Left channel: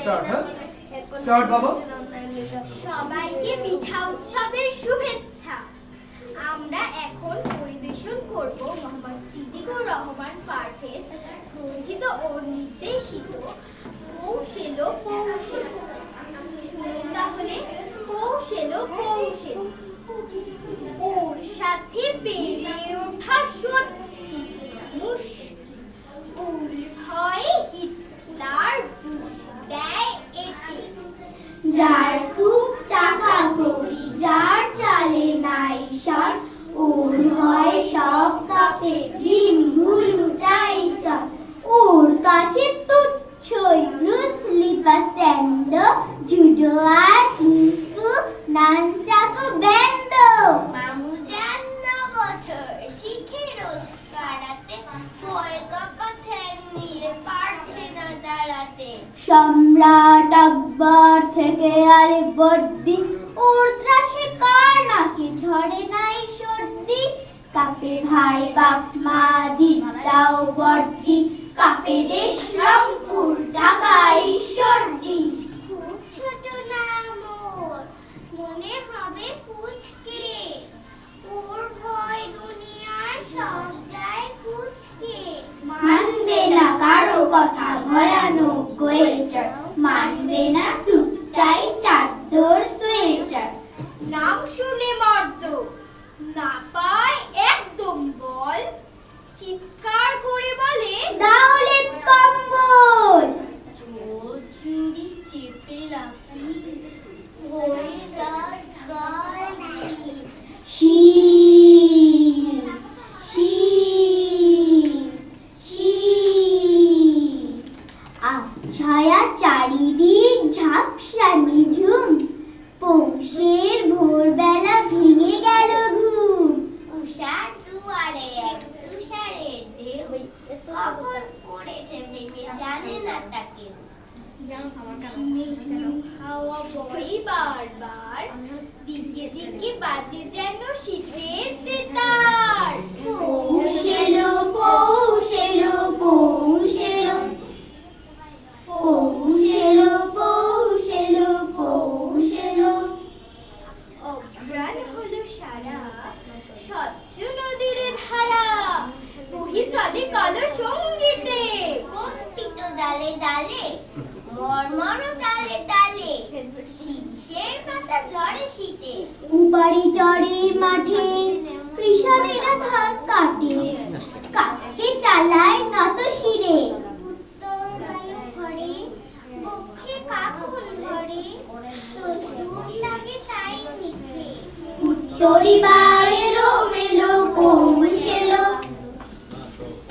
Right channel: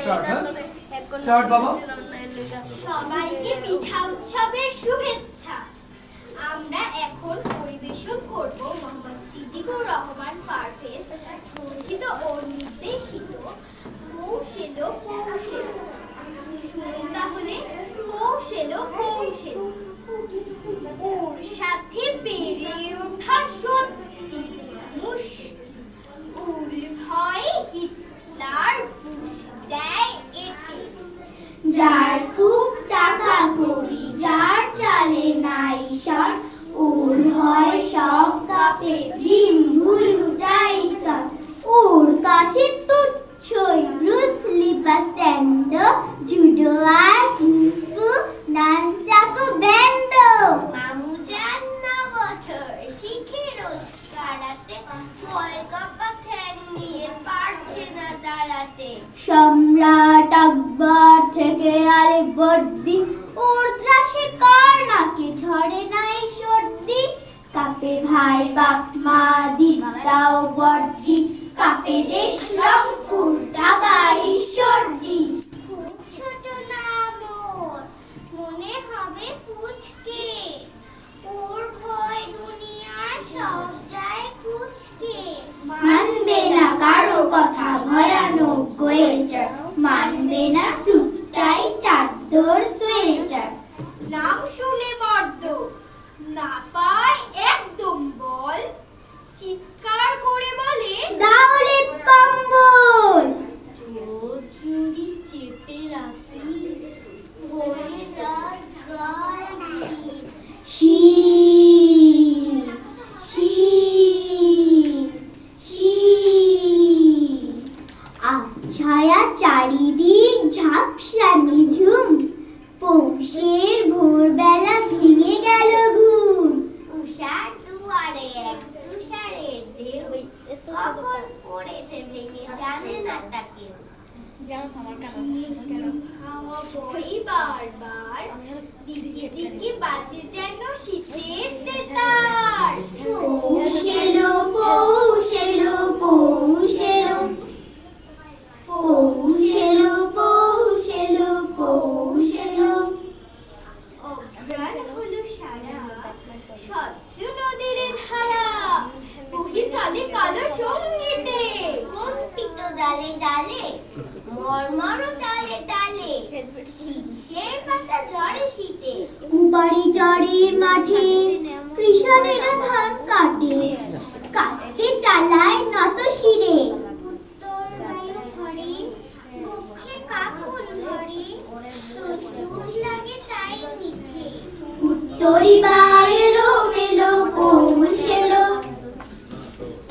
Start. হ্যাঁ, start বাবা। সবাইকে পিঠা উৎসবের শুভেচ্ছা। আমরা এখন পরিবেশন করব মোহাম্মদ সিদ্দিকুর রহমান পারভেজ রচিত ও নির্দেশিত পৌষ এলো পৌষ এলো। শুনুন তাহলে, পৌষ এলো পৌষ এলো। ওর সাথে বেড়ে ওঠা সত্যি মানুষ, ওর ভয়ে হিটলার বুশ দেয় এতে। যার খুব টাকা কড়ি, যার চালে নাই সর, ওর ভয় সব কাপে ভীম ভুলু টাইসন। ওর কাছে তুচ্ছই ব্রুসলি বা স্যান্ডো, জুডো আর কুংফু, নানচাকো ব্যান্ডো। মামু চান না বছর শিখে রোজ কারাতে, ভয় কাপা ঠ্যাং নিয়ে পারছে না দাঁড়াতে। সম্রাট আকবর থেকে আলীবর্দী, ওর ত্রাসে কার নাকি ঝরে নাই সর্দি। কাপে ভাই বাপ মা দিদাও বর্দি, কাপে দেশ রংপুর ঢাকা ঈশ্বরদী। খুব ছোট নাম ওর, মনে হবে পুচকে, ওর ভয় দুনিয়ার সব যায় কুচকে। মানবে না কারো কথা ভয়ানক গোয়েটার, মানবে না সুটটাই চাদর সোয়েটার। নাম শুনে মর্দ না পায় একদম বল, চিৎকার করে বলে দাওলে কম্বল। চোখ জুড়ি চেপে রাখি, হয়ে যায় গালি। শীত শীত শীত, আচ্ছায়া চারিদিক ঝাপসা নিঝুম, পৌষের ভোরবেলা ভেঙে গেল ঘুম। উষার দুয়ারে এক তুষারের ঢেউ, কখন পড়েছে ভেঙে জানে না তা কেউ। হাওয়া বই বারবার, দিকে দিকে বাজে যেন শীতের তেতার। পৌষ এলো পৌষ এলো পৌষ এলো, পৌষ এলো পৌষ এলো পৌষ এলো। অঘ্রাণ হলো সারা, স্বচ্ছ নদীর ধারা, বহি চলে কালো সঙ্গীতে। কম্পিত ডালে ডালে, মর্মর ডালে ডালে, শীষের পাতা ঝরে শীতে। উপারি চরের মাঠে কৃষকেরা ধান কাটে, কাটতে চালায় নত শিরে। উত্তর বায়ু ভরে, বক্ষে কাপড় ধরে, রোদ্দুর লাগে তাই মিঠে। উত্তরি বাইলো মেলো পৌষ এলো,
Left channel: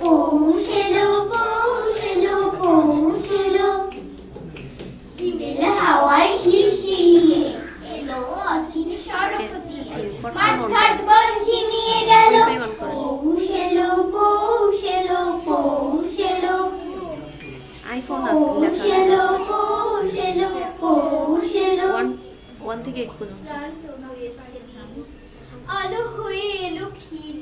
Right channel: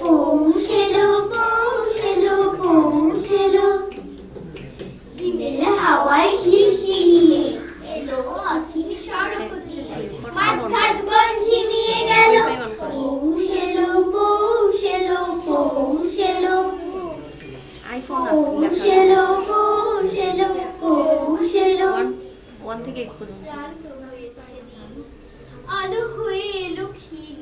পৌষ এলো পৌষ এলো পৌষ এলো। হিমেল হাওয়ায় শিরশিরিয়ে এলো অচিন সড়ক দিয়ে, মাঠঘাট বন ঝিমিয়ে গেল। পৌষ এলো পৌষ এলো পৌষ এলো, আইফোন পৌষ এলো পৌষ এলো পৌষ এলো। 1 থেকে 8 পর্যন্ত। আলো হয়ে এলো ক্ষীণ,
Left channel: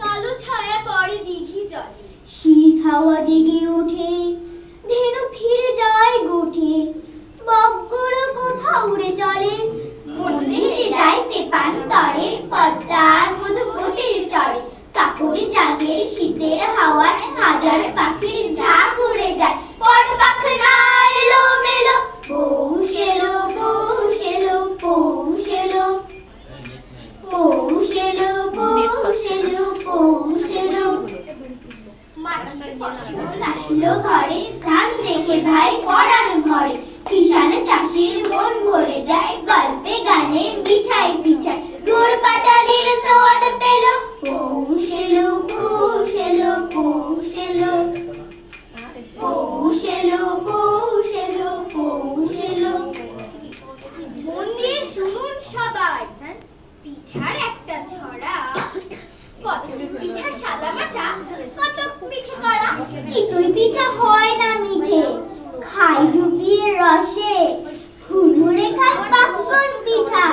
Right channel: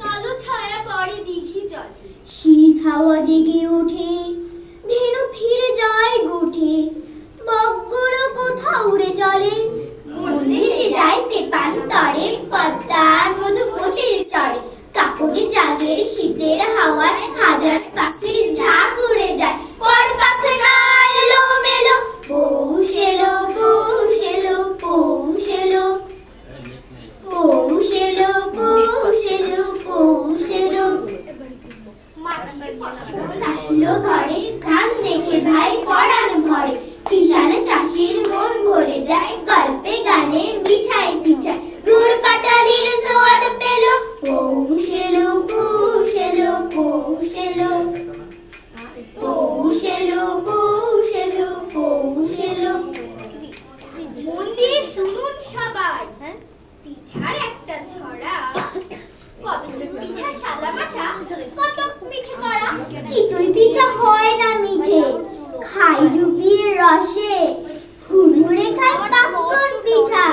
কালো ছায়া পড়ে দিঘি জলে। শীত হাওয়া জেগে ওঠে, ধেনু ফিরে যায় গোঠে। বকগুলো কোথাও উড়ে চলে, মন ভেসে যায় তেপান্তরে, পদ্মার মধুপতির চরে। কাপড়ে জাগে শীতের হাওয়ায়, হাজার পাখির ঝাঁক উড়ে যায়। পর পাখনা এলো মেলো, পৌষ এলো পৌষ এলো পৌষ এলো, পৌষ এলো পৌষ এলো পৌষ এলো। মাটির ফসল আসলো ঘরে, ধান দেখে ভাই পরাণ ভরে। কিষান চাষির মন ভরে যায়, গল্পে গানে মিঠাই পিঠাই। গুড় কাটালির সোয়াদ পেল, পৌষ এলো পৌষ এলো পৌষ এলো, পৌষ এলো পৌষ এলো পৌষ এলো। মন দিয়ে শুনুন সবাই, পিঠার একটা ছড়া। কত পিঠা সাদা মাঠা, কত পিঠে করা। চিতই পিঠা হয় না মিঠে, খাই ডুবিয়ে রসে। হুড়মুড়ে খাই পাকন পিঠা,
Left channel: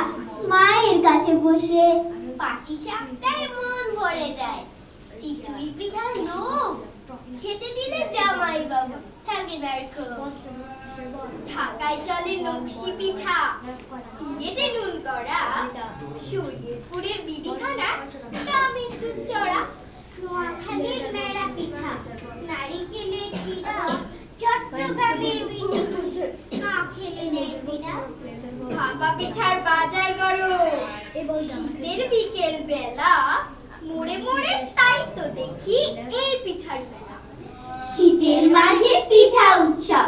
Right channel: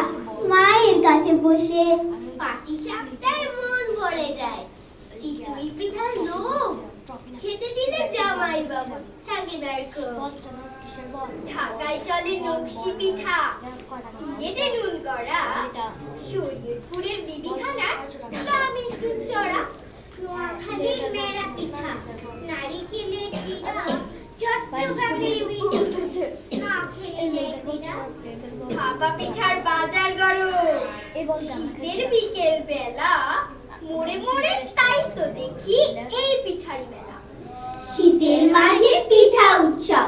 মায়ের কাছে বসে। পাটিসাপটায় মন ভরে যায়, চিতই পিঠার লোভ খেতে দিলে জামাই বাবু থাকে ঢাকায় চলে নকশি পিঠা, সিলেটে নুন করা, শরীয়তপুরের বিবিখানা, দামের দুধ চড়া, নোয়াখালীর মেরা পিঠা, নারিকেলের চিড়া, চট্টগ্রামের বিদ্যুৎ, না খেলে দেখবি না। ভাপা পিঠার বাজার গরম, শীতের বিকেল বেলা, মোড়ে মোড়ে তাই তো দেখি এই পিঠার মেলা। শীতের মাঝে পিঠা উৎসব,